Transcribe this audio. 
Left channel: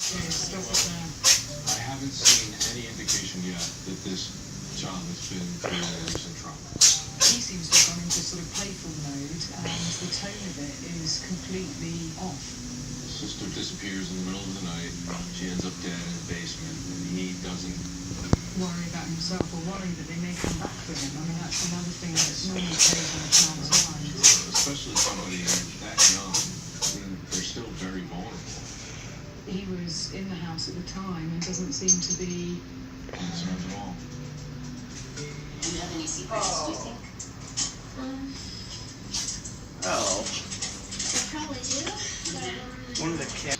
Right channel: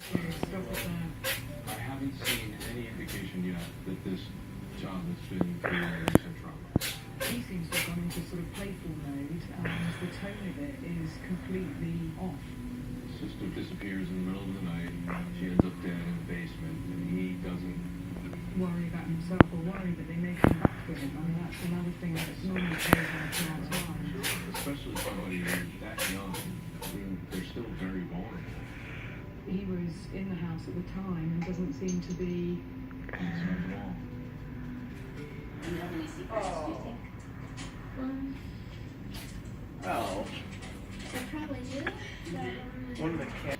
Stop it now. I haven't seen any indication yet that this child has been through recent trauma. He seems to have gone into sort of playful mode, and the tone of it is completely off. Sister disappears in the middle of the night. She ends up dead in the basement, and he doesn't. Worry about himself or worry that they may come back for him. I mean, that's another thing that normally plays on a child's mind. Especially somebody who's that young. I mean, they're still very vulnerable. He was in the house at the time and doesn't seem to be Concerned at all. Do you have any secrets, do you think? Oh, I probably do. one of the cats.